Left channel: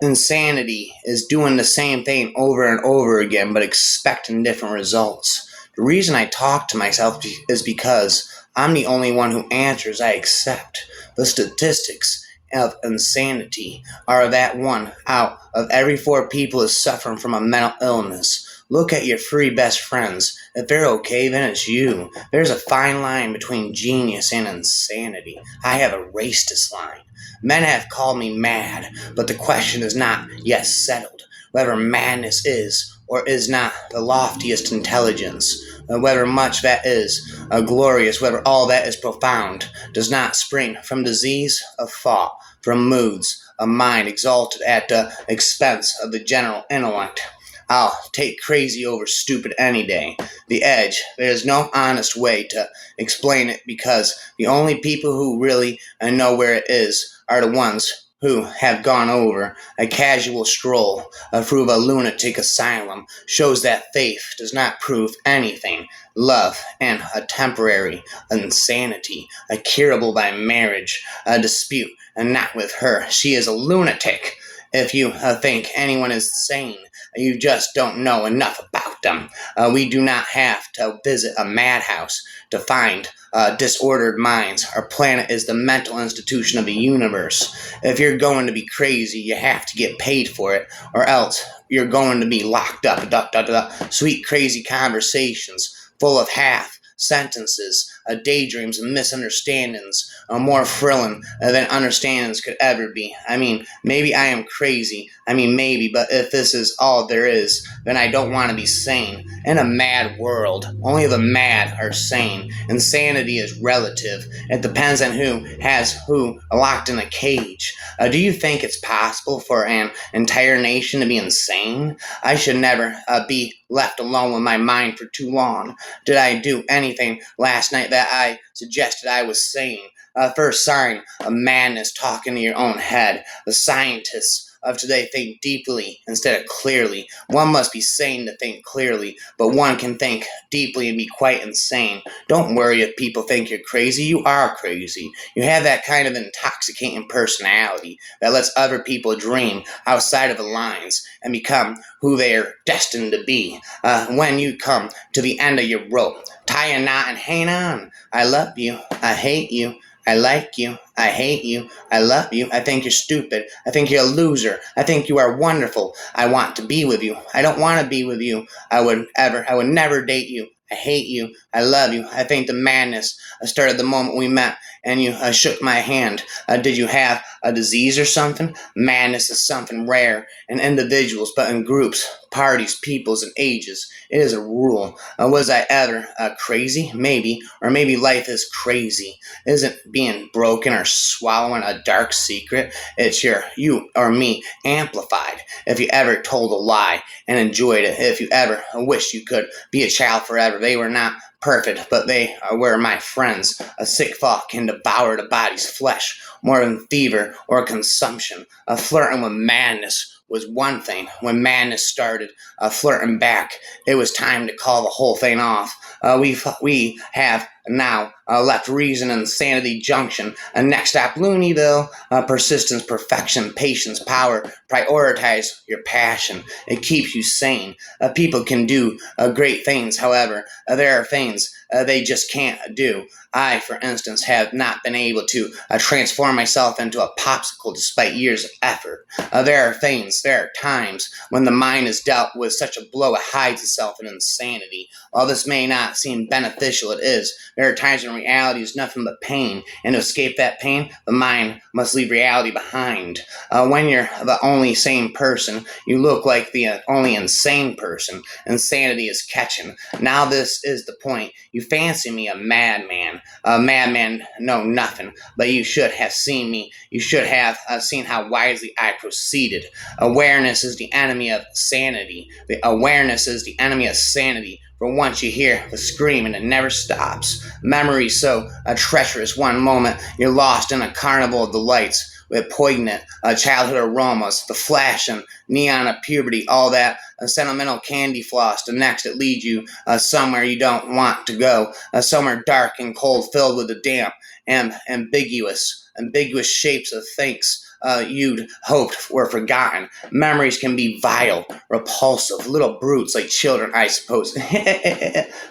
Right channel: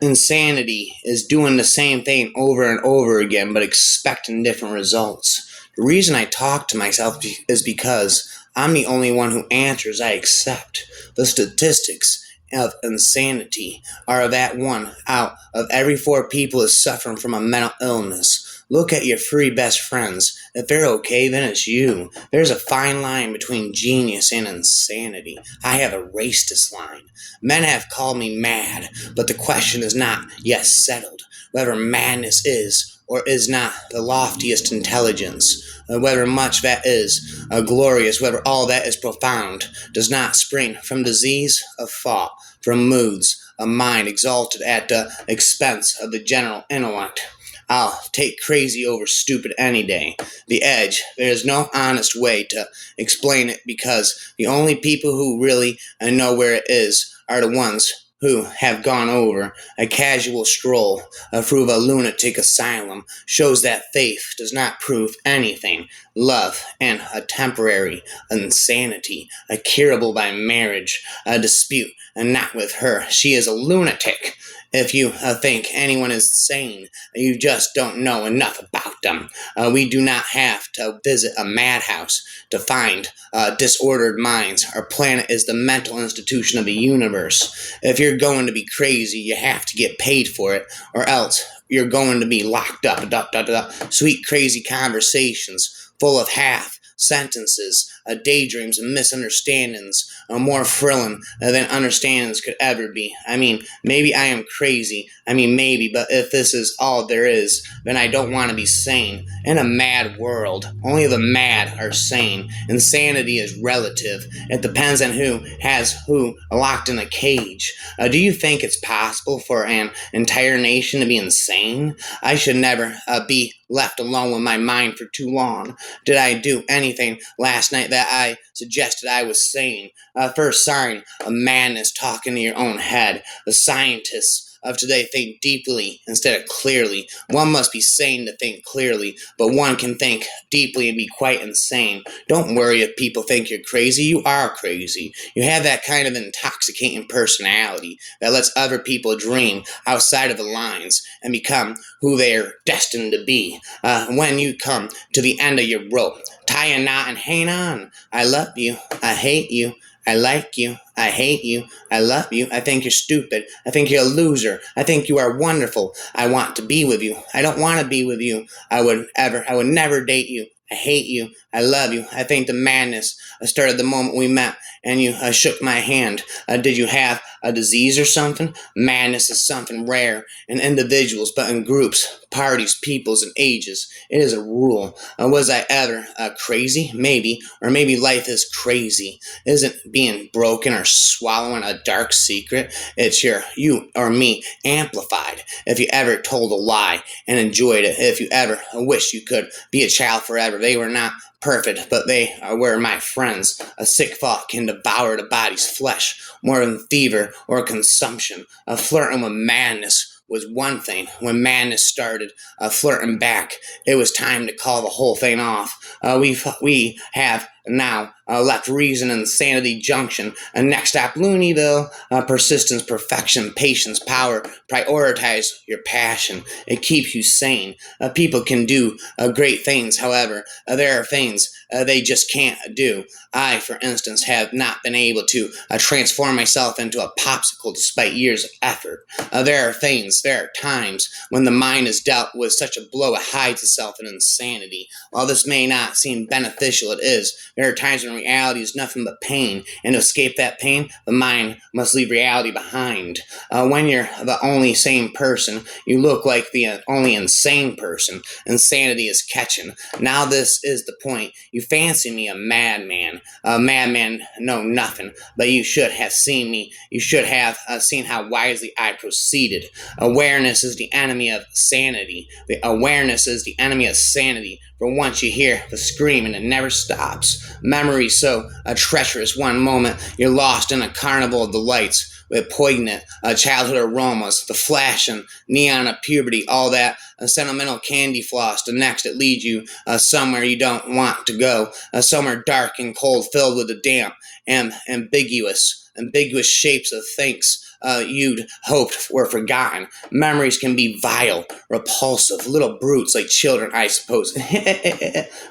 Insanity is doing the same thing over and over again, but expecting different results. The reason I talk to myself is because I'm the only one who answers I accept. The statistics of insanity are that one out of every four people is suffering from a mental illness. Look at your three best friends. If they're okay, then it's you. There's a fine line between genius and insanity. I have erased this line. Men have called me mad, but the question is not yet settled whether madness is or is not the loftiest intelligence, whether much that is glorious, whether all that is profound, does not spring from disease of thought, from moods of mind exalted at the expense of the general intellect. I'll take crazy over stupid any day. The edge, there is no honest way to explain it because the only people who really know where it is are the ones who have gone over. A casual stroll through a lunatic asylum shows that faith does not prove anything. Love and a temporary insanity, a curable by marriage, a dispute, and not with her. She is a lunatic. If you think anyone is sane, you just don't know enough about them. We do not have to visit a madhouse to find disordered minds. Our planet is the mental institution of the universe. If you're going to be crazy, you have to get paid for it, or else you're going to be locked up. Sweet, crazy conversations full of half sentences, daydreams, and misunderstandings are more thrilling than understandings could ever be. I mean, maybe I am crazy. I mean, maybe, but if this is all there is, then I don't want to be sane. In a mad world, only the mad are sane. Insanity is relative. It depends on who has who locked in a cage. Do you think it's possible for an entire nation to be insane? I should never be left alone with my mind for too long. Did I do anything last night that I suggested I was sane? First sign of madness, talking to your own head. The scientists of today think deeply instead of clearly. One must be sane to think clearly, but one can think deeply and be quite insane. Don't worry if people think you're crazy. You are crazy. You have that kind of intoxicating personality that lets other people dream outside of the lines and become who they are destined to be. When you come to the end of your rope, tie a knot and hang on. I love you. I hate you. I like you. I hate you. I love you. I think you're stupid. I think you're a loser. I think you are wonderful. I want to be with you. I don't want to be with you. I would never date you. I hate you. I love you. I think the madness started the moment we met and you shook my hand. Did you have a disease or something? Madness is something rare in individuals, but in groups, parties, peoples, and ages. It is a rule. Was I ever crazy? Maybe. Or maybe life is crazy. Isn't being broken or swallowing a dark secret? It's you or me amplified. If you ever told a lie and enjoyed it, if you ever wished you could be a child forever, they were not perfect, but they were my friends. A sick thought can devour the body's flesh more than fever or consumption. Flirting with madness was one thing. When madness started flirting back, it was time to call the whole thing off. We have now left reason and sanity junction. Next stop, Looneyville. Persistence, perfection, patience, power. Prioritize your passion. It keeps you sane. People can do great things. However, there are things they just can't do. I, for instance, have not been able to transform myself into a popsicle despite years of effort. There are times when the mind is dealt with such a blow it hides itself in insanity. While this may not seem beneficial, it is. There are times when reality is nothing but pain, and to escape that pain, the mind must leave reality behind. When you're the only sane person, you look like the only insane person. Insanity is catching. Now this is the point. You fancy me a madman. A madman know nothing, but you should have seen me. You should have seen how wisely I proceeded. Awareness is the enemy of sanity. The awareness is the enemy of sanity. For once you hear the scream and it never stops. Memory so treacherous. One moment you're lost in a carnival of delights with poignant childhood aromas, the flash and neon of puberty, all that sentimental candy floss. The next it leads you somewhere you don't want to go, somewhere dark and cold, filled with the damp and ambiguous shapes of things you'd hoped were forgotten. Memories can be vile, repulsive, little brutes like children, I suppose.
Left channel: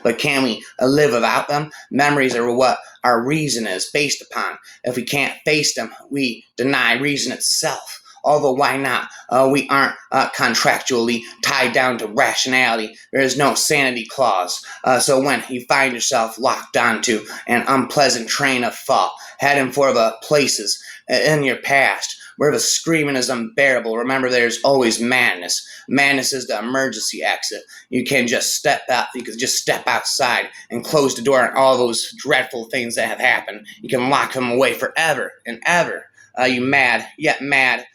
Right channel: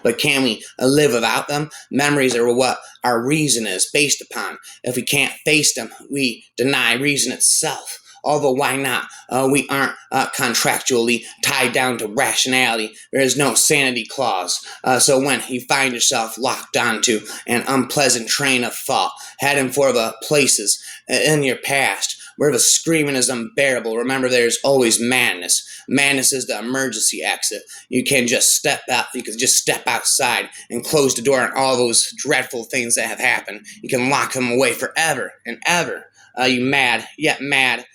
But can we live without them? Memories are what our reason is based upon. If we can't face them, we deny reason itself. Although, why not? We aren't contractually tied down to rationality. There is no sanity clause. So when you find yourself locked onto an unpleasant train of thought, heading for the places in your past where the screaming is unbearable, remember there's always madness. Madness is the emergency exit. You can just step out. You can just step outside and close the door on all those dreadful things that have happened. You can lock them away forever and ever. You mad, yet mad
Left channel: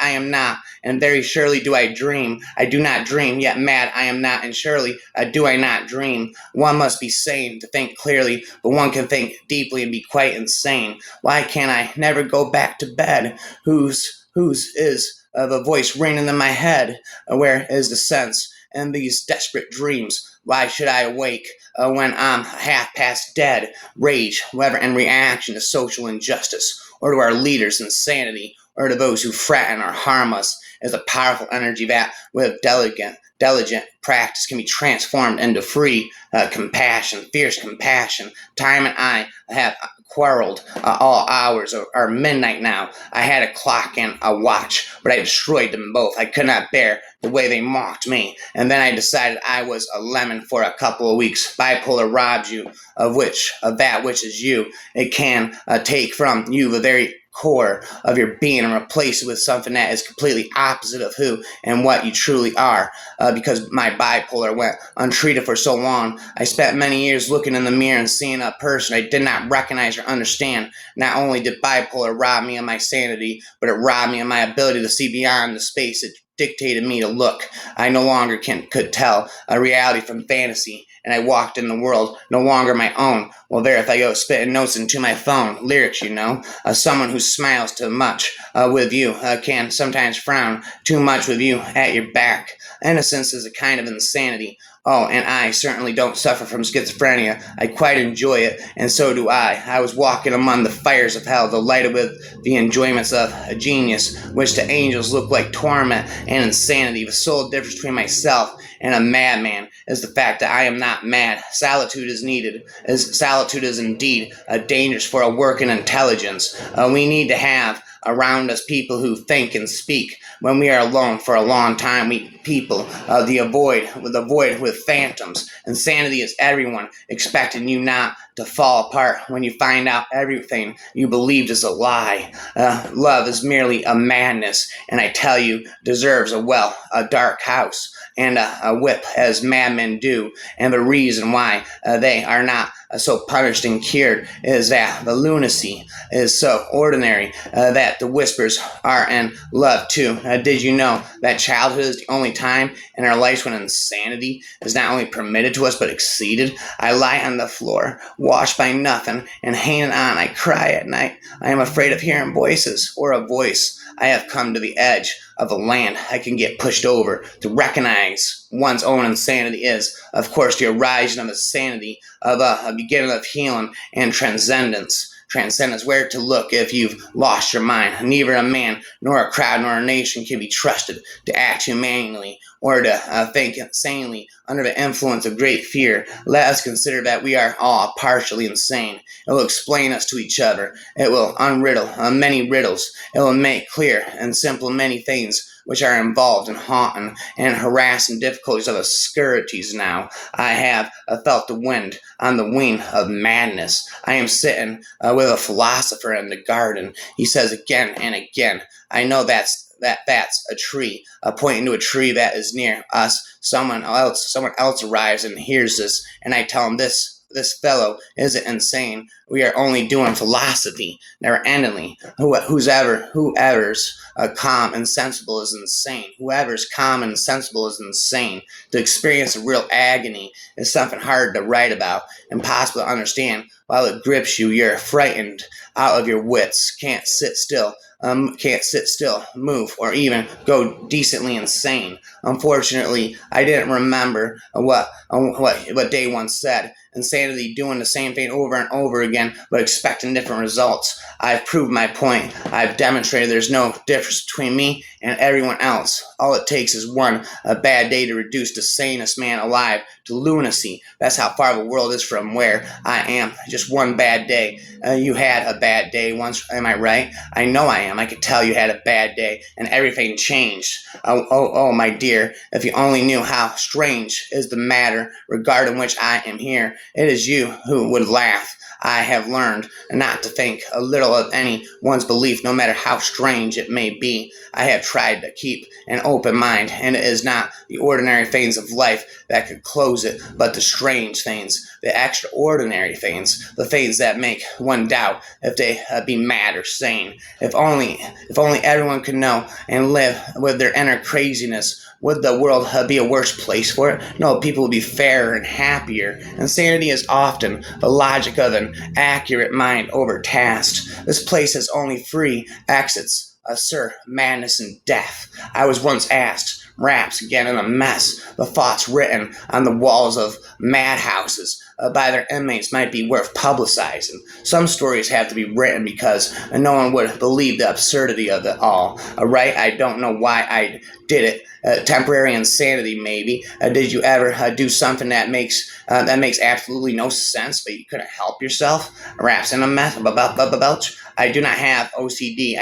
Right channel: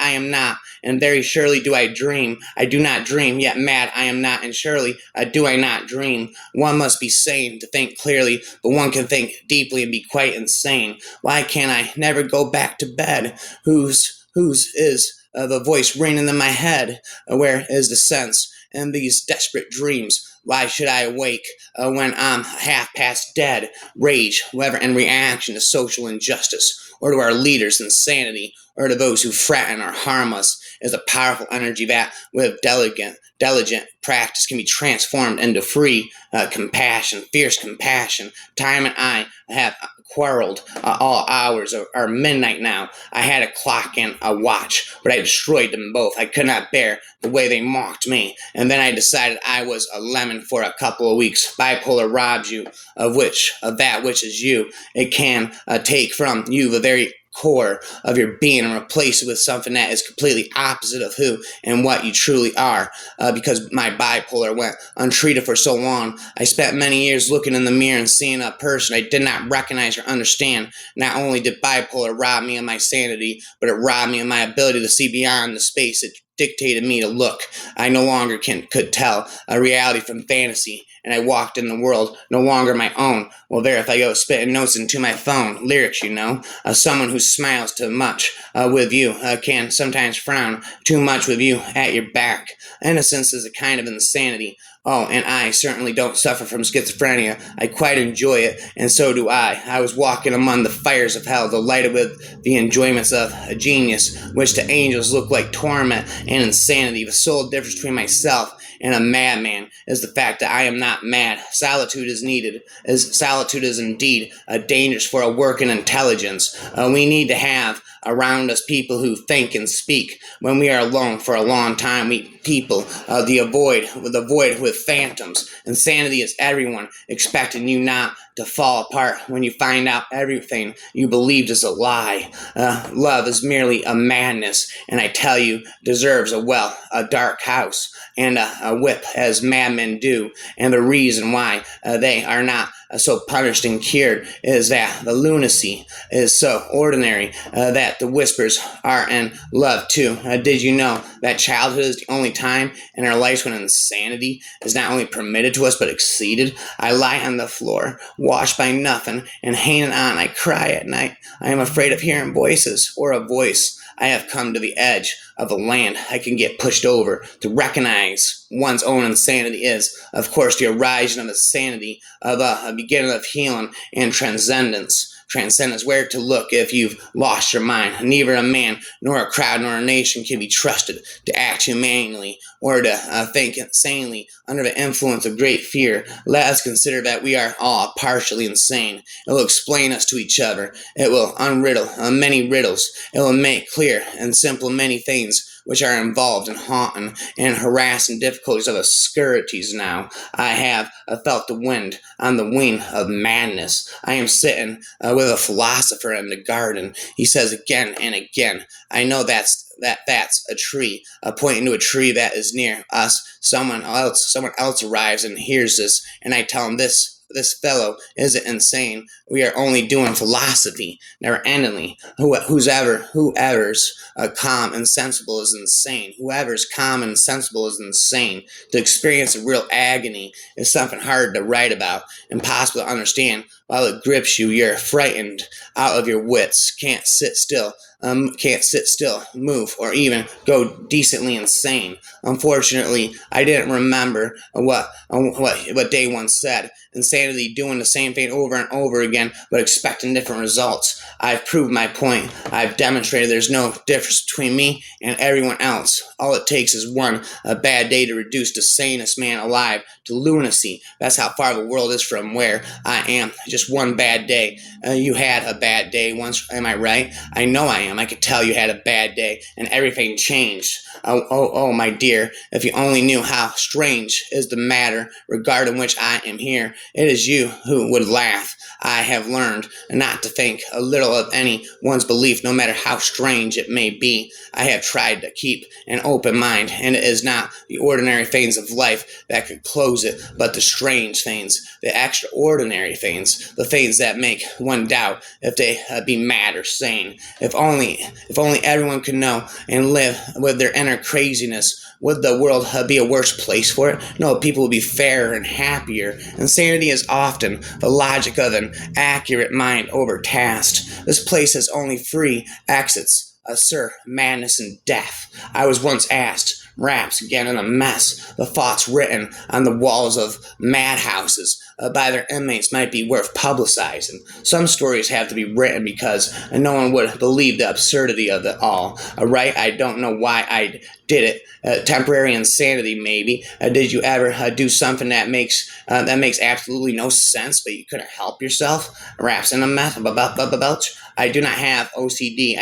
I am not, and very surely do I dream. I do not dream, yet mad I am not, and surely do I not dream. One must be sane to think clearly, but one can think deeply and be quite insane. Why can't I never go back to bed? Whose is the voice ringing in my head? Where is the sense in these desperate dreams? Why should I awake when I'm half past dead? Rage, whether in reaction to social injustice, or to our leaders' insanity, or to those who threaten or harm us, is a powerful energy that, with diligent practice, can be transformed into free compassion, fierce compassion. Time and I have quarreled all hours, or midnight now. I had a clock and a watch, but I destroyed them both. I could not bear the way they mocked me, and then I decided I was a lemon for a couple of weeks. Bipolar robs you of that which is you. It can take from you the very core of your being and replace it with something that is completely opposite of who and what you truly are. Because my bipolar went untreated for so long, I spent many years looking in the mirror and seeing a person I did not recognize or understand. Not only did bipolar rob me of my sanity, but it robbed me of my ability to see beyond the space it dictated me to look. I no longer could tell a reality from fantasy, and I walked in the world no longer my own. Well, there, if I go spitting notes into my phone, lyrics, someone who smiles too much with you can sometimes frown too much with you at your back. Innocence is a kind of insanity. Oh, and I certainly don't suffer from schizophrenia. I quite enjoy it, and so do I. I was walking among the fires of hell, delighted with the enjoyments of a genius, which to angels look like torment and insanity. The sole difference between myself and a madman is the fact that I am not mad. Solitude is needed. Solitude is indeed dangerous for a working intelligence. We need to have around us people who think and speak. When we are alone for a long time, we people the void with phantoms. Insanity is everyone expecting you not to fall apart when you find out everything you believed is a lie. Love is merely a madness, and I tell you, deserves a dark house and a whip as madmen do. And the reason why they are not so punished and cured is that the lunacy is so ordinary that the whispers are in love too. Did you know that childhood is the only time in our lives when insanity is not only permitted to us but exceeded? I lie on the floor, washed by nothing, and hanging on. I cry at night. I am afraid of hearing voices or a voice. I have come to the edge of a land I can get pushed over. To recognize one's own insanity is, of course, the origin of insanity, of a beginning of healing and transcendence. Transcendence, where to look if you've lost your mind. Neither a man, nor a crowd, nor a nation can be trusted to act humanely or to think sanely under the influence of great fear. Let us consider that we are all partially insane. It will explain us to each other. It will unriddle many riddles. It will make clear and simple many things which are involved in haunting and harassing difficulties of obscurities now. I have felt the wind on the wing of madness. I am sitting with a philosopher in the garden. He says again and again, I know that's a tree, pointing to a tree that is near us. Someone else arrives and hears this, and I tell him this fellow isn't insane. We are only doing philosophy, never endingly. Whoever's calm and sensible is insane. Whoever's calm and sensible is insane. To experience a real agony is something hard to write about, impossible to understand While it grips you, you're frightened out of your wits, can't sit still, move, or even go decently insane. Unfortunately, I didn't remember what day one said. Insanity doing the same thing over and over again, but expecting different results. I've proved my point. I've demonstrated there's no difference between me and everyone else. All it takes is a bad day to reduce the sanest man alive to lunacy. That's how far the world is from where I am. Just one bad day. You had a bad day once, am I right? I know I am. I could tell you had a bad day, and everything changed. Oh, my dear, if you only knew how strange is the matter regarding which I am here, it is you who would laugh. I have learned not to think a little of anyone's belief, no matter how strange it may be. I have tried to keep an open mind, and it is not the ordinary things of life that could close it, but the strange things, the extraordinary things, the things that make one doubt if they be mad or sane. If only everyone could know and live with their inner craziness, would the world be a worse place for it? No, people would be fairer and happier. Insanity is often the logic of an accurate mind overtasked. This place has only three exits: sir, madness, and death. I was once asked, raps again in a mess. The thoughts written on the walls of madhouses by their inmates might be worth publicizing. Some stories have to be written because no one would believe the absurdity of it all. Right? I don't know why I did it. Temporary insanity, maybe. Did you ever do something that makes absolutely no sense, but you couldn't help yourself? Raps in a mess about. I do not have OCD.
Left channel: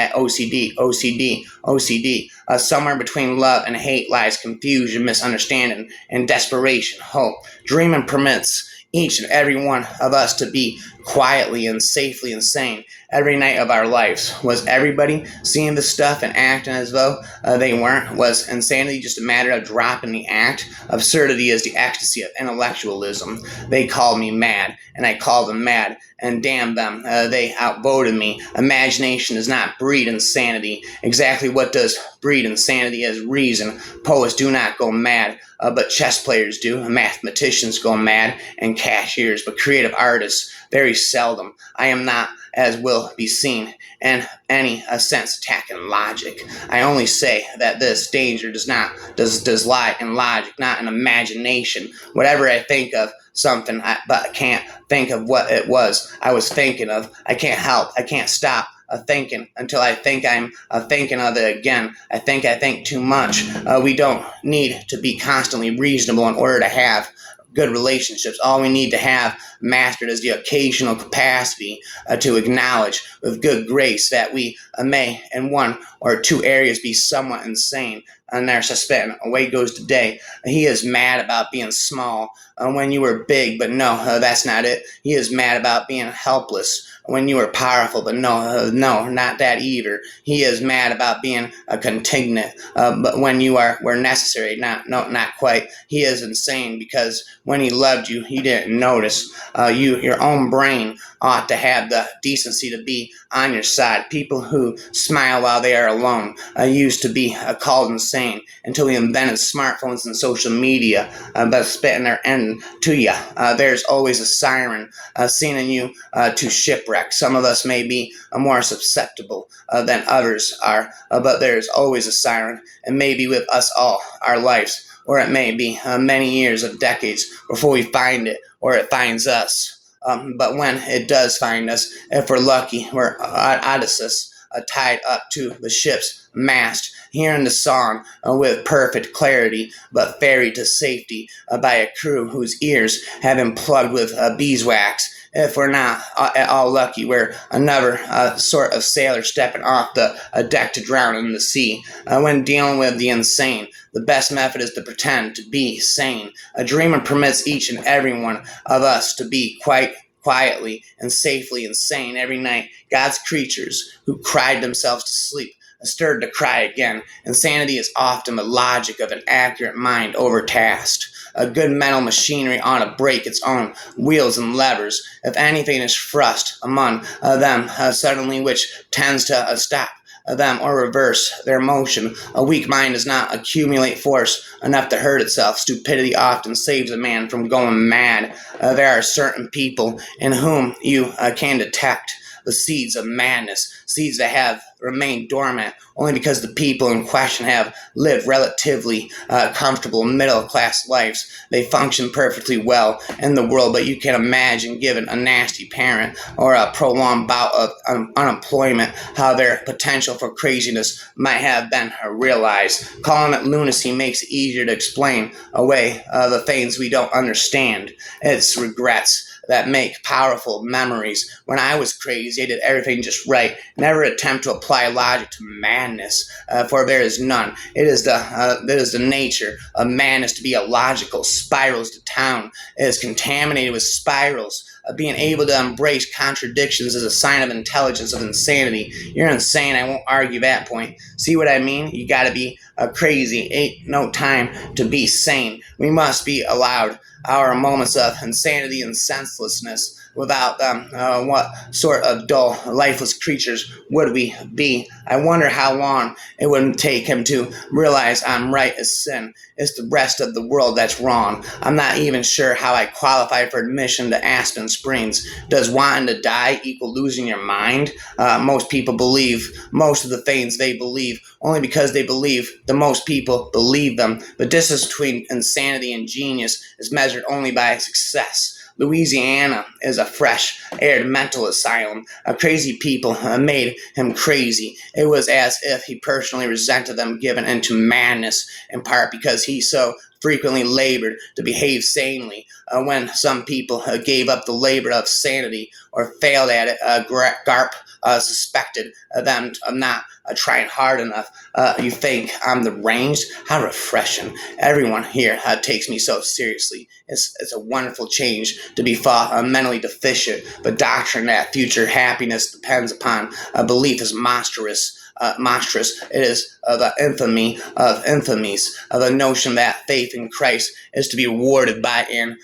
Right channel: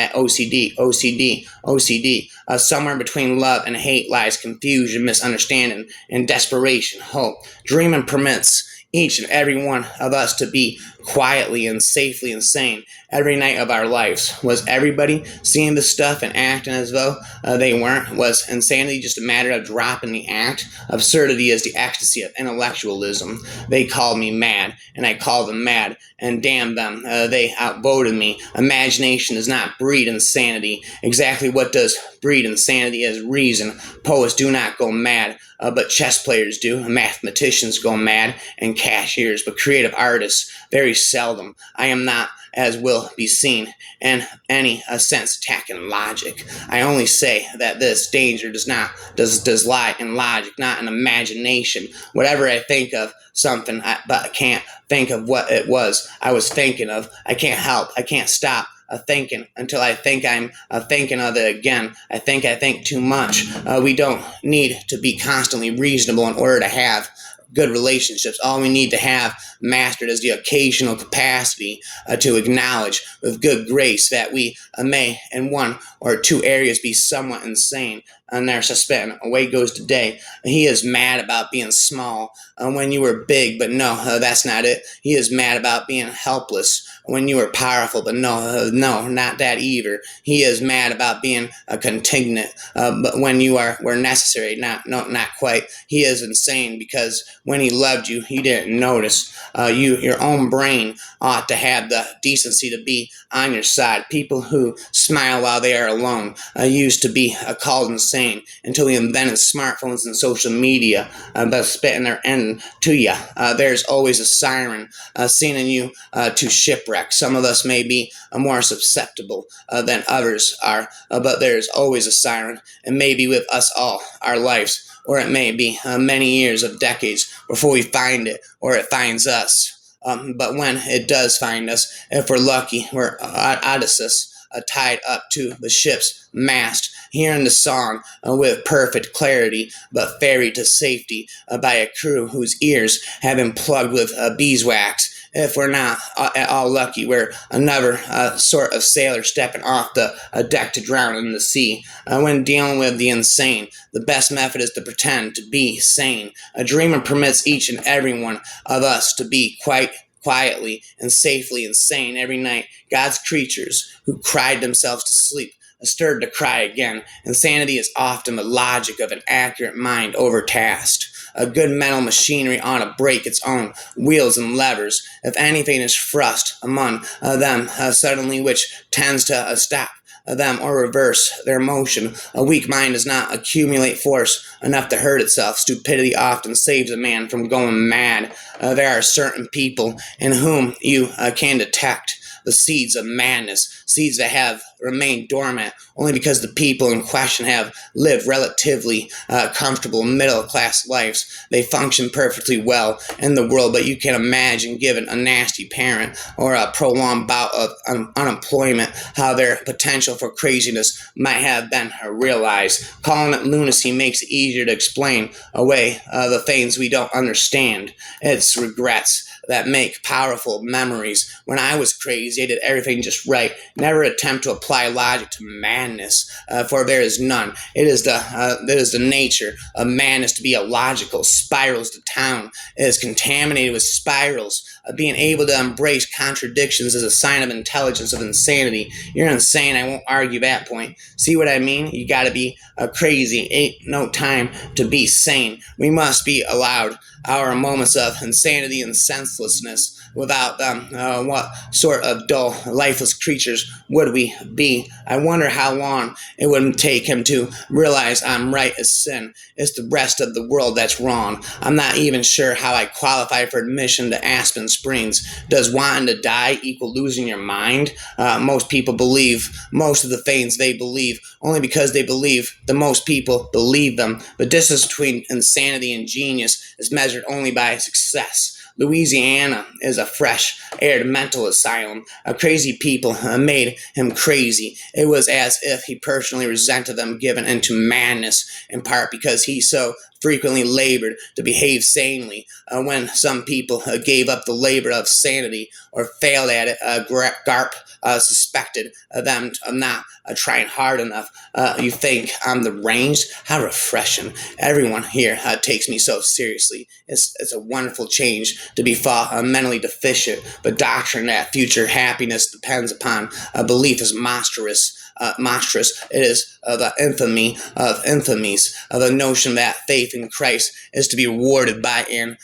OCD. Somewhere between love and hate lies confusion, misunderstanding, and desperation. Hope. Dreaming permits each and every one of us to be quietly and safely insane every night of our lives. Was everybody seeing the stuff and acting as though they weren't? Was insanity just a matter of dropping the act? Absurdity is the ecstasy of intellectualism. They called me mad, and I called them mad, and damn them, they outvoted me. Imagination does not breed insanity. Exactly what does breed insanity is reason. Poets do not go mad, but chess players do. Mathematicians go mad, and cashiers, but creative artists very seldom. I am not, as will be seen, in any sense attacking logic. I only say that this danger does lie in logic, not in imagination. Whatever I think of something, but I can't think of what it was I was thinking of. I can't stop thinking until I think I'm thinking of it again. I think too much. We don't need to be constantly reasonable in order to have good relationships. All we need to have mastered is the occasional capacity to acknowledge with good grace that we may in one or two areas be somewhat insane. And they're suspecting. Away goes today. He is mad about being small when you were big, but no, that's not it. He is mad about being helpless when you were powerful, but no, not that either. He is mad about being a contingent, but when you were necessary, not quite. He is insane because when he loved you, he didn't notice. Your own brain ought to have the decency to be on your side. People who smile while they are alone used to be called insane until we invented smartphones and social media, but spitting their end to you. There's always a siren sending you to shipwreck. Some of us may be more susceptible than others are, but there's always a siren, and maybe with us all, our lives, or it may be many years of decades before we find it or it finds us. But when it does find us, if we're lucky, we're Odysseus, tied up to the ship's mast, hearing the song with perfect clarity, but ferried to safety by a crew whose ears have been plugged with beeswax. If we're not at all lucky, we're another sort of sailor stepping off the deck to drown in the sea. When dealing with the insane, the best method is to pretend to be sane. A dreamer permits each and every one of us to be quite quietly and safely insane every night. God's creatures who cried themselves to sleep stirred to cry again. Insanity is often the logic of an accurate mind overtasked. A good mental machinery ought to break its own wheels and levers. If anything is thrust among them suddenly which tends to stop them or reverse their motion. A weak mind does not accumulate force enough to hurt itself. Stupidity often saves a man from going mad. There are certain people in whom you can detect the seeds of madness, seeds that have remained dormant only because the people in question have lived relatively comfortable middle class lives. They function perfectly well in the world, but you can imagine, given a nasty parent or a prolonged bout of unemployment, how their potential for craziness might have been realized. Calling it lunacy makes it easier to explain away the things we don't understand. It's regrets that make powerful memories. When I was crazy, I did everything just right. Never attempt to apply logic to madness, for there is none. It is the nature of madness to be illogical. Spirals. The town is contaminated with spirals. Being able to embrace contradictions is a sign of intelligence, of insanity. You're insane. I won't argue that point. See what I mean? You got to be crazy. Ain't no time to be sane. We must be allowed our moments of insanity and senselessness. Without them, what sort of dull, lifeless creatures would we be? I wonder how long it would take him to realize I'm right as sin. It's the rest of the world that's wrong. I'm not even sure how I qualify for admission to Aspen Springs. Does wanting to die equal losing your mind? Most people believe most of the things they believe only because they believe the most people believe them. The distance between insanity and genius is measured only by success. Louisiana is a fresh aired mental asylum. Crazy people made him crazy. It was as if he personally resented them given into madness, in part because he so frequently labored to behave sanely. When some people gave up the labor of sanity or failed at it, Garp suspected them of not trying hard enough. You think I'm deranged? How refreshing. Everyone here takes me so seriously. It's a wonderful change to be thought mentally deficient, but doctrine that future happiness depends upon a belief is monstrous. Monstrous. It is the infamy of infamies, the notion that faith in Christ is to be rewarded by an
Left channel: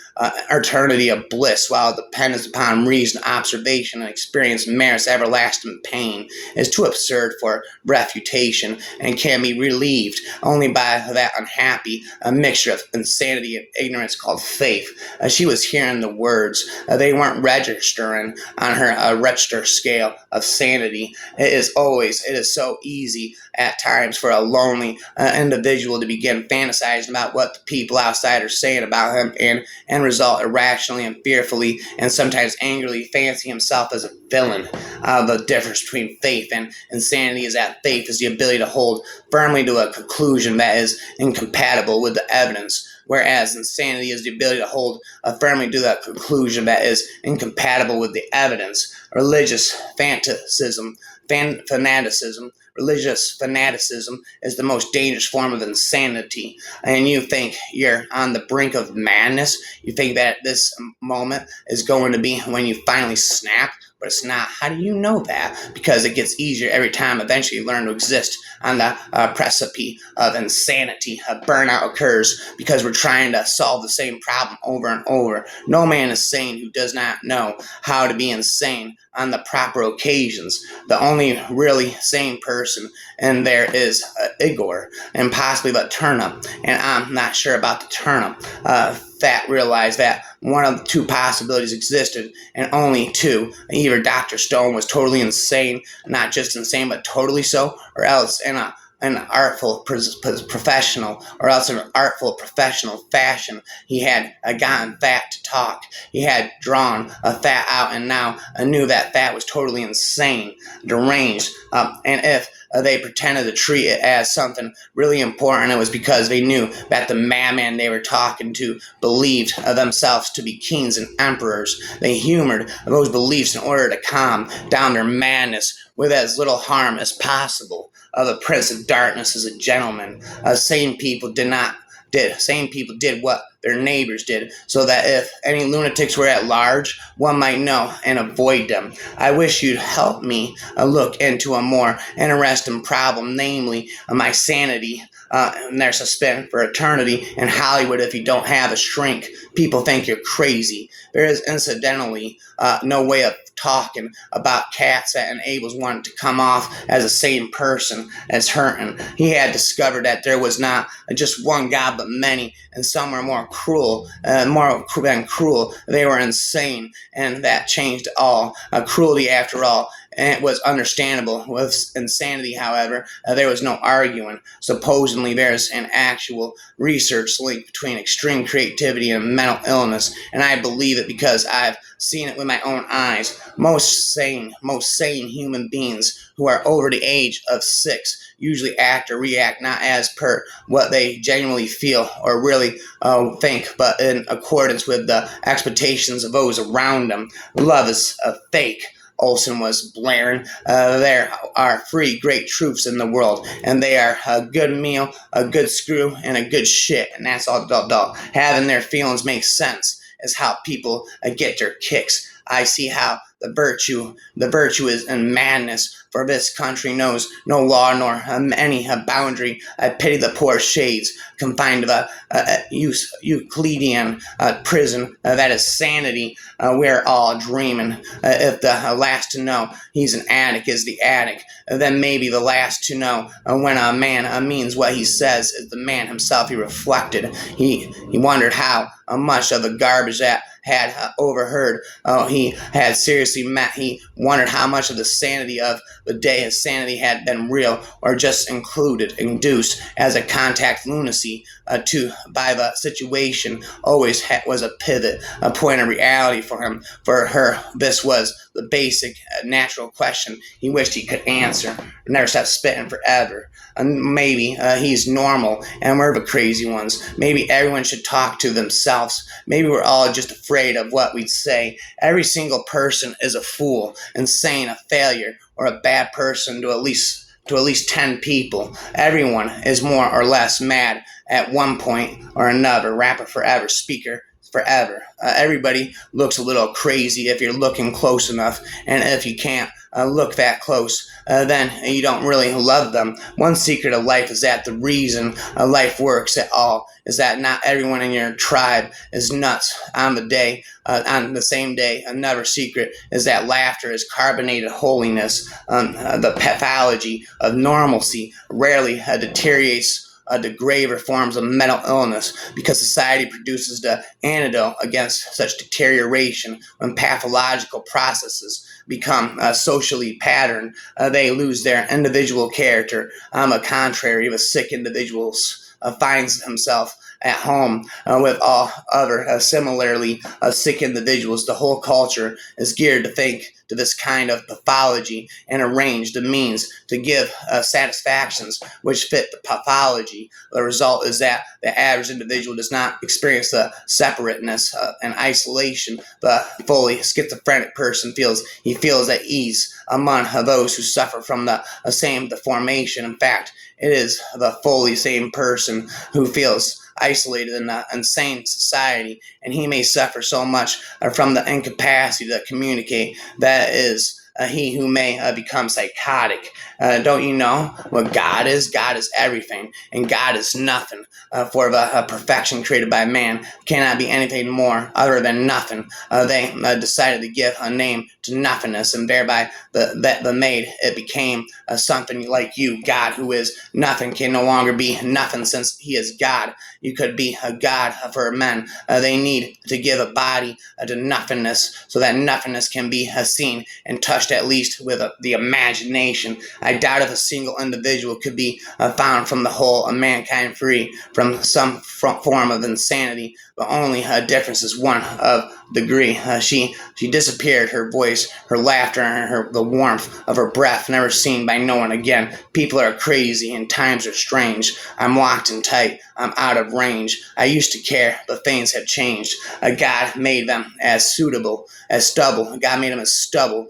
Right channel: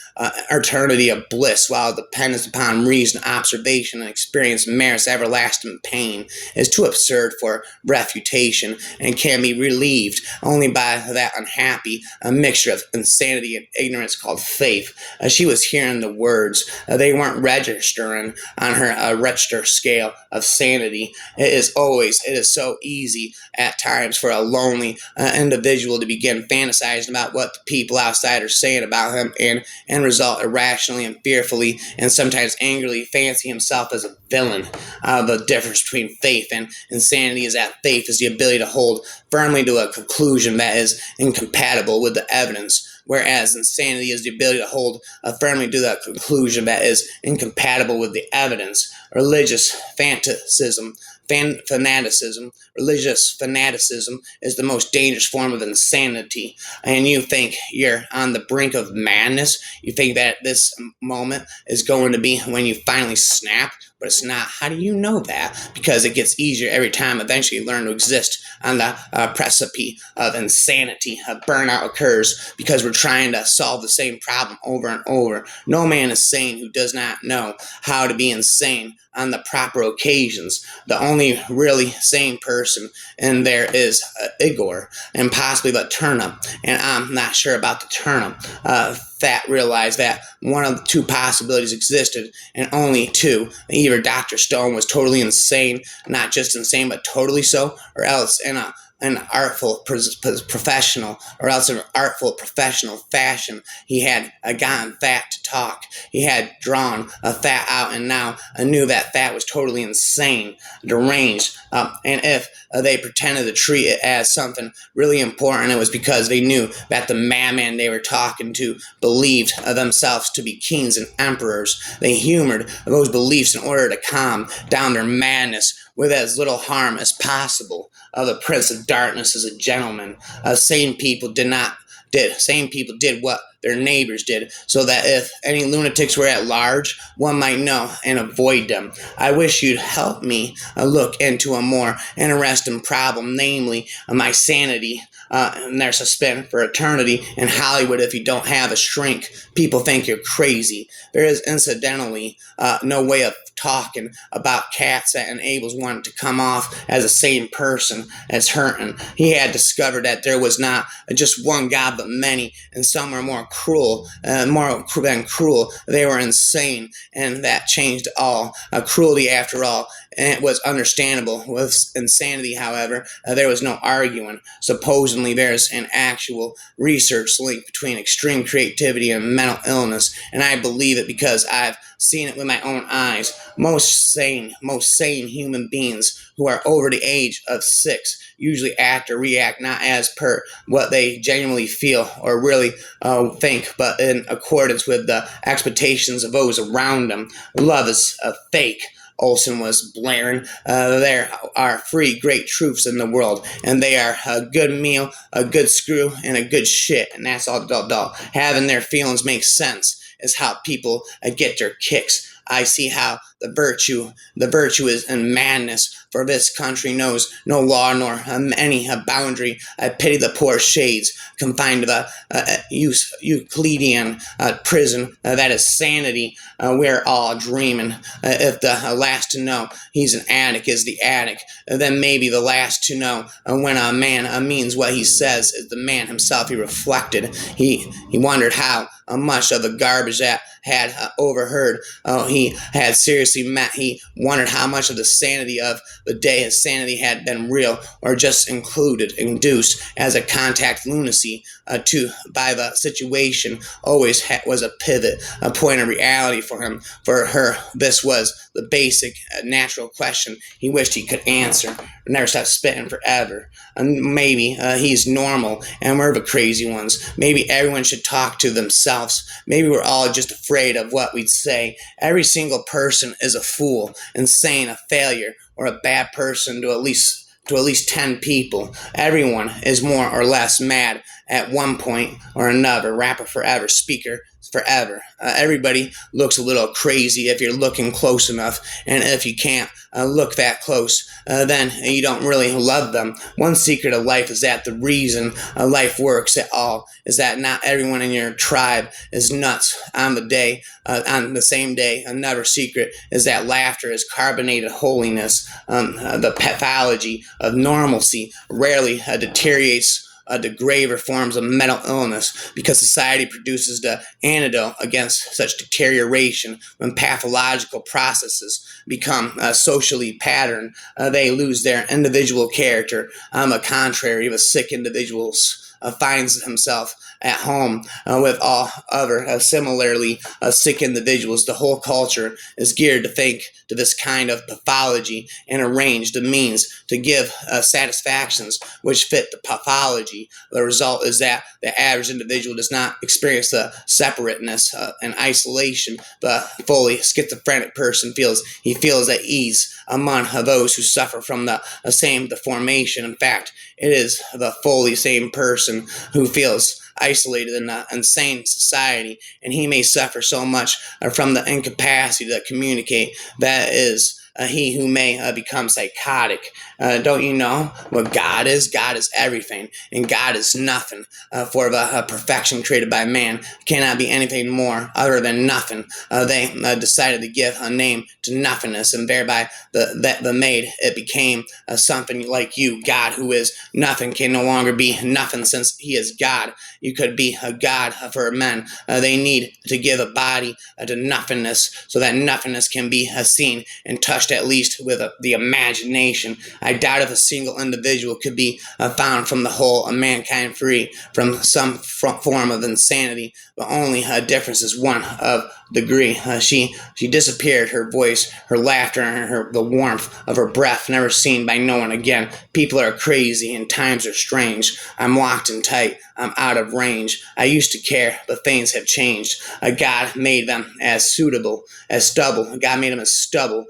eternity of bliss, while dependence upon reason, observation, and experience merits everlasting pain, is too absurd for refutation and can be relieved only by that unhappy mixture of insanity and ignorance called faith. She was hearing the words. They weren't registering on her register scale of sanity. It is so easy at times for a lonely individual to begin fantasizing about what the people outside are saying about him and result irrationally and fearfully and sometimes angrily fancy himself as a villain. The difference between faith and insanity is that faith is the ability to hold firmly to a conclusion that is incompatible with the evidence, whereas insanity is the ability to hold firmly to that conclusion that is incompatible with the evidence. Religious fanaticism is the most dangerous form of insanity. And you think you're on the brink of madness. You think that this moment is going to be when you finally snap, but it's not. How do you know that? Because it gets easier every time. Eventually, you learn to exist on the precipice of insanity. Burnout occurs because we're trying to solve the same problem over and over. No man is sane who does not know how to be insane on the proper occasions. The only really sane person in there is Igor and possibly the turnip. And I'm not sure about the turnip. Fat realized that one of the two possibilities existed, and only two. Either Dr. Stone was totally insane, not just insane, but totally so, or else in an artful professional, or else in an artful professional fashion, he had gotten Fat to talk. He had drawn Fat out, and now knew that Fat was totally insane, deranged. And if they pretended to treat it as something really important, it was because they knew that the madman they were talking to believed themselves to be kings and emperors. They humored those beliefs in order to calm down their madness with as little harm as possible. The Prince of Darkness is a gentleman. Sane people did what their neighbors did, so that if any lunatics were at large, one might know and avoid them. I wish you'd help me look into a more interesting problem, namely my sanity. And there's a spin for eternity in Hollywood. If you don't have a shrink, people think you're crazy. There is incidentally no way of talking about cats that enables one to come off as the same person as hurting. He had discovered that there was not just one God but many, and some were more cruel, more than cruel. They were insane, and that changed all. Cruelty, after all, and it was understandable. With insanity, however, there was no arguing. Supposedly, there's an actual research link between extreme creativity and mental illness, and I believe it because I've seen it with my own eyes. Most sane human beings who are over the age of 6 usually act or react not as per what they genuinely feel or really think, but in accordance with the expectations of those around them. Love is a fake. Olson was blaring. There are three great truths in the world, and they are a good meal, a good screw, and a good shit. And that's all. Having their feelings make sense is how people get their kicks. I see how the virtue is in madness. For this country knows no law nor any boundary. I pity the poor shades confined to a Euclidean prison. That is sanity. We're all dreaming. If the last to know he's an addict is the addict, then maybe the last to know when a man means what he says is the man himself. He reflected. He wondered how much of the garbage that had overheard he had seriously met. He wondered how much of the sanity of the day his sanity had been real or just induced as a contact lunacy by the situation. Always was a pivot, a point of reality for him. For her, this was the basic, natural question he wished he could answer. Never stop spitting forever. Maybe he's normal and we're the crazy ones. Maybe everyone should talk to themselves. Maybe we're all just afraid of what we'd say. Every single person is a fool, insane, a failure, or a bad person to at least 10 people. Everyone is more or less mad at one point or another. Rapper forever, speaker forever. Everybody looks a little crazy if you're looking close enough, and if you can't look that close, then you don't really love them. One secret of life is that the reason life works at all is that not everyone in your tribe is nuts on the same day. Another secret is that laughter is carbonated holiness. The pathology of normalcy rarely deteriorates the graver forms of mental illness because society produces the antidote against such deterioration. When pathological processes become socially patterned, they lose their individual character. On the contrary, the sick individuals finds himself at home with all other similarly sick individuals. The whole culture is geared to think to this kind of pathology and arrange the means to give satisfactions which fit the pathology. The result is that the average individual does not experience the separateness and isolation the fully schizophrenic person feels. He feels at ease among those who suffer from the same deformation. In fact, it is the fully same person who feels isolated in an insane society, and he may suffer so much from the incapacity to communicate that is he who may become psychotic. Don't you know what God is? God is everything, and God is nothing. For the perfection created by man cannot be anything more other than nothing. They decided to give a name to nothingness, and thereby the made it became something like you. God, who is nothing, can no longer be nothing since he is God. You could be a God for men. They need to give a body to nothingness so that nothingness can be seen and touched at least with the imagination. I doubt if a single individual could be found from the whole of mankind free from some form of insanity, but only a difference is one of degree. She disappeared, her voice, her laughter, and the warmth of her breath never seen by no one again. People are crazy and times are strange. I'm locked and tight. I'm out of range. I used to care, but things have changed. God made them as suitable as stubble. God made them as stubble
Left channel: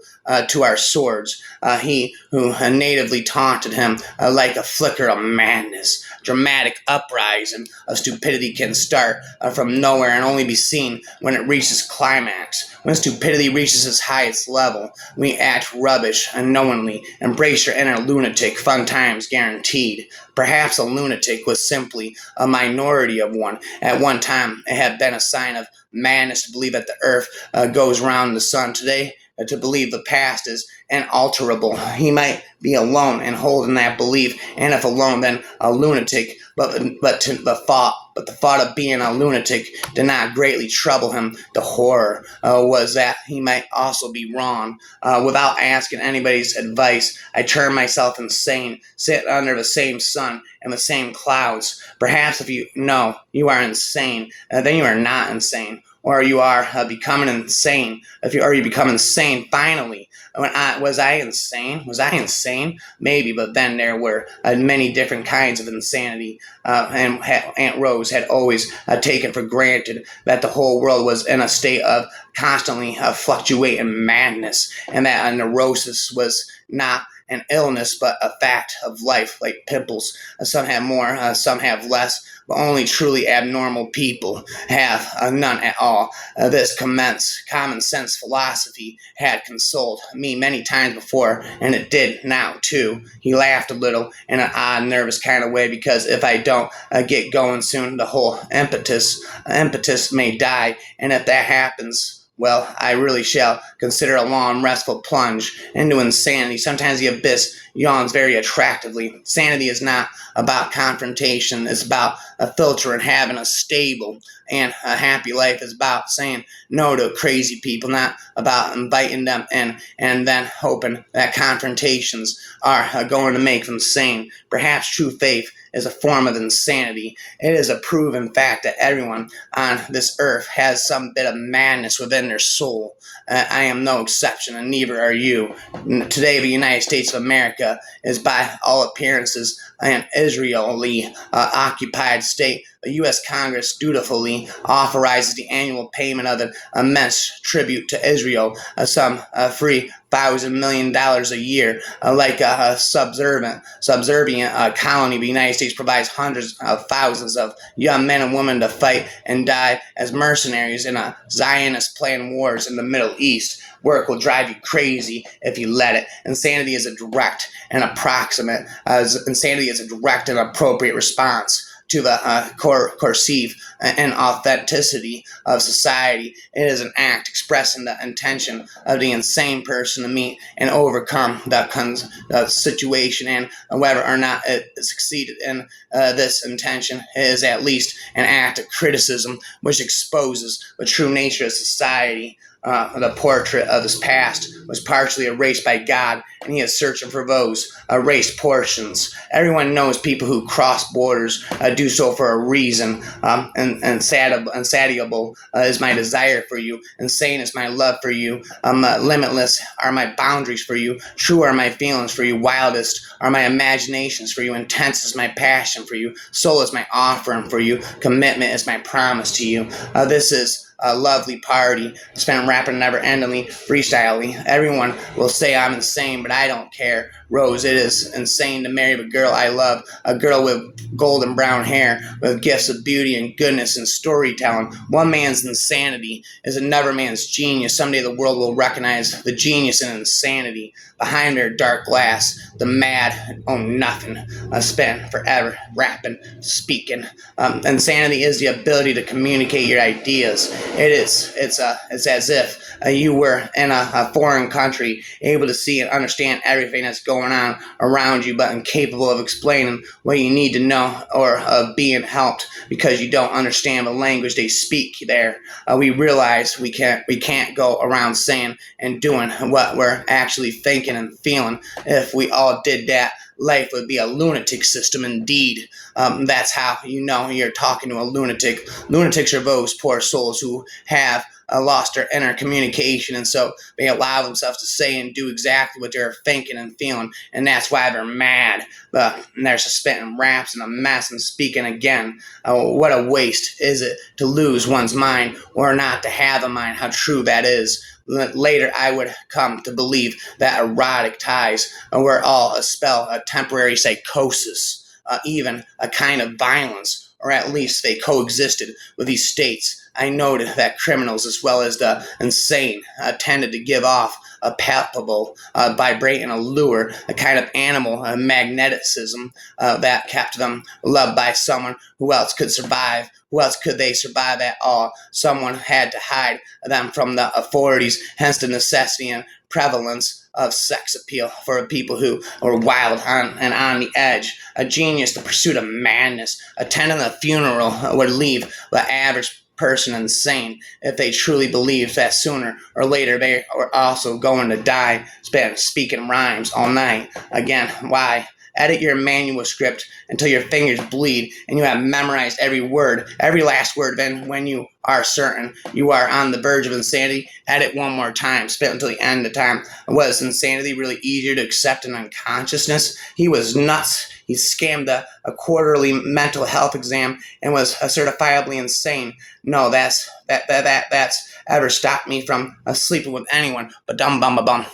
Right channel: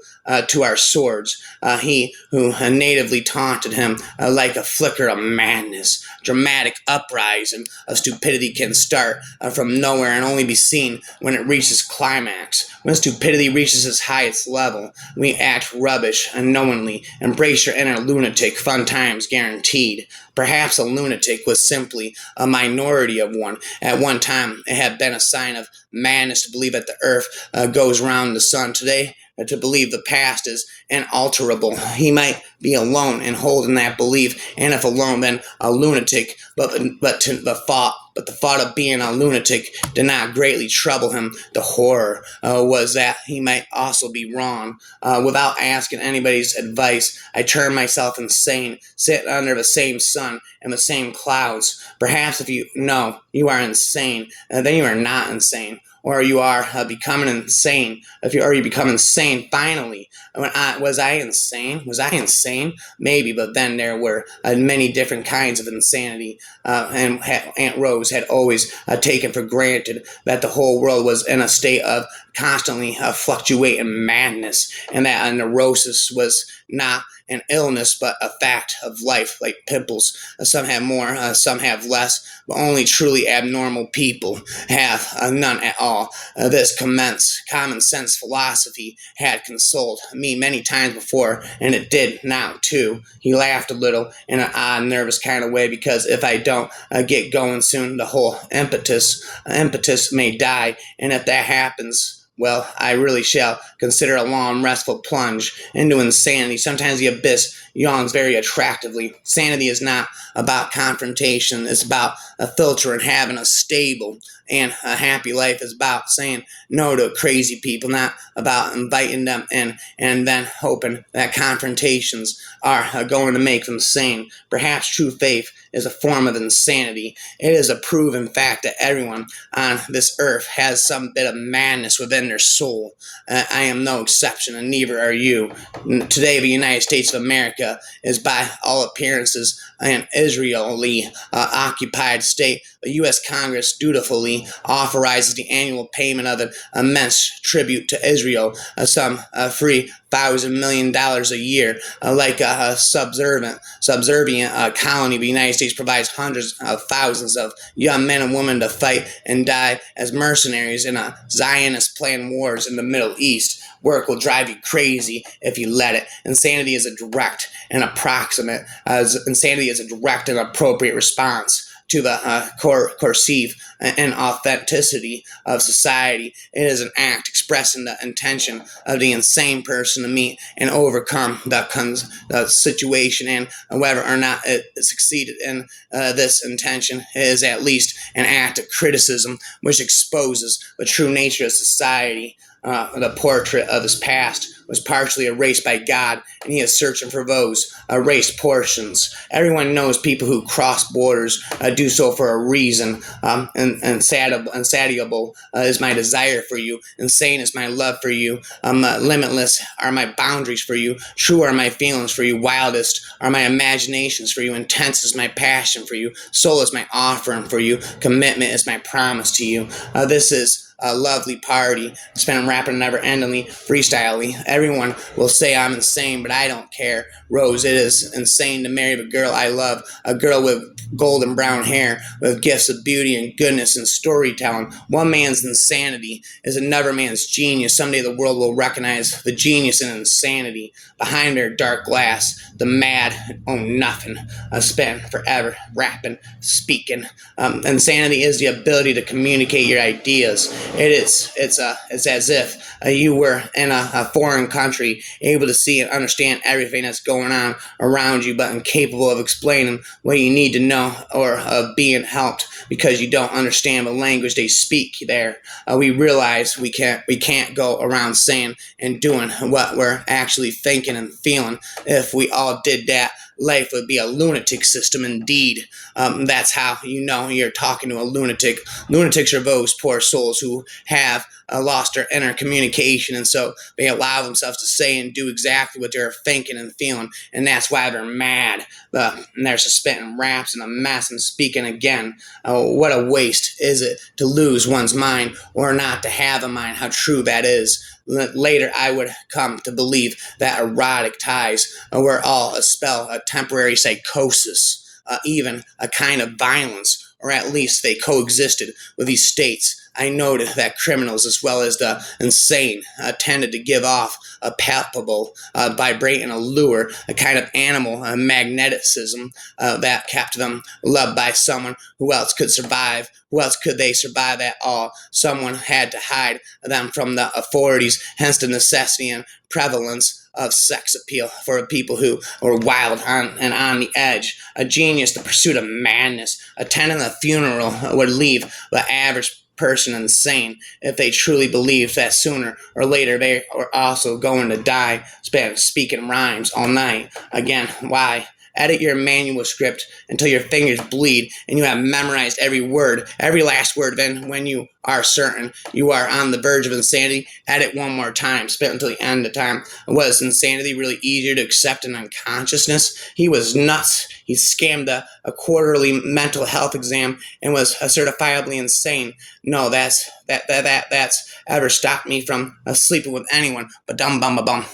to our swords. He who natively taunted him like a flicker of madness. Dramatic uprising of stupidity can start from nowhere and only be seen when it reaches climax. When stupidity reaches its highest level, we act rubbish unknowingly. Embrace your inner lunatic. Fun times guaranteed. Perhaps a lunatic was simply a minority of one. At one time, it had been a sign of madness to believe that the earth goes round the sun. Today, to believe the past is unalterable. He might be alone and holding that belief, and if alone, then a lunatic. But the thought of being a lunatic did not greatly trouble him. The horror was that he might also be wrong. Without asking anybody's advice, I turned myself insane, sitting under the same sun and the same clouds. Perhaps if you know you are insane, then you are not insane, or you are becoming insane. Are you become insane finally? Was I insane? Was I insane? Maybe, but then there were many different kinds of insanity, and Aunt Rose had always taken for granted that the whole world was in a state of constantly fluctuating madness, and that a neurosis was not an illness, but a fact of life, like pimples. Some have more, some have less, but only truly abnormal people have none at all. This common sense philosophy had consoled me many times before, and it did now too. He laughed a little in an odd, nervous kind of way, because if I don't get going soon, the whole impetus may die, and if that happens, well, I really shall consider a long, restful plunge into insanity. Sometimes the abyss yawns very attractively. Sanity is not about confrontation. It's about a filter and having a stable and a happy life. Is about saying no to crazy people, not about inviting them in and then hoping that confrontations are going to make them sane. Perhaps true faith is a form of insanity. It is a proven fact that everyone on this earth has some bit of madness within their soul. I am no exception, and neither are you. Today, the United States of America is, by all appearances, an Israeli occupied state. The U.S. Congress dutifully authorizes the annual payment of an immense tribute to Israel, some $3,000 million a year. Like a subservient colony, the United States provides hundreds of thousands of young men and women to fight and die as mercenaries in a Zionist-planned wars in the Middle East. Work will drive you crazy if you let it. Insanity is a direct and appropriate response to the coercive and authenticity of society. It is an act expressing the intention of the insane person to meet and overcome the situation, and whether or not it succeeded in this intention is at least an act of criticism which exposes the true nature of society. The portrait of his past was partially erased by God, and he is searching for those erased portions. Everyone knows people who cross borders do so for a reason. Insatiable is my desire for you. Insane is my love for you. Limitless are my boundaries for you. True are my feelings for you. Wildest are my imaginations for you. Intense is my passion for you. Soul is my offering for you. Commitment is my promise to you. This is a lovely party spent rapping never-endingly, freestyling. Everyone will say I'm insane, but I don't care. Rose, it is insane to marry the girl I love, a girl with golden brown hair, with gifts of beauty and goodness and storytelling. One man's insanity is another man's genius. Someday the world will recognize the genius and insanity behind their dark glass. The mad own nothing, spent forever rapping, speaking. Insanity is the ability to communicate your ideas. It's as if you were in a foreign country, able to see and understand everything that's going on around you, but incapable of explaining what you need to know, or of being helped because you don't understand the language they speak there. We realize we can't go around saying and doing what we're actually thinking and feeling. If we all did that, life would be a lunatic system indeed. That's how you know you're talking to a lunatic. Lunatics are those poor souls who have lost their inner communication, and so they allow themselves to say and do exactly what they're thinking and feeling, and that's why they're mad. And they're spitting raps and a mess and speaking again. What a waste is it to lose one's mind, or not to have a mind. How true that is. Later, I would come to believe that erotic ties were all a spell, a temporary psychosis, even a kind of violence, or at least they coexisted with these states I noted that criminals as well as the insane tended to give off a palpable, vibrating allure, a kind of animal magneticism that kept them loved by someone. Who else could survive? Who else could they survive at all? Someone had to hide them from the authorities, hence the necessity and prevalence of sex appeal for people who were wild and on the edge. A genius, the pursuit of madness. Attending a funeral would leave the average person insane if they truly believed that sooner or later they were also going to die, speaking rhymes all night. Again, why? Edit your manuscript until your fingers bleed and you have memorized every word, every last word. Then, when you are certain you are on the verge of insanity, edit one more time. Spit until the end of time. Was insanity really easier to accept in unconsciousness? He was nuts. He scammed a quarterly mental health exam and was certifiably insane. No, that's ever stopped me from sleeping with anyone. But dum bum ba bum.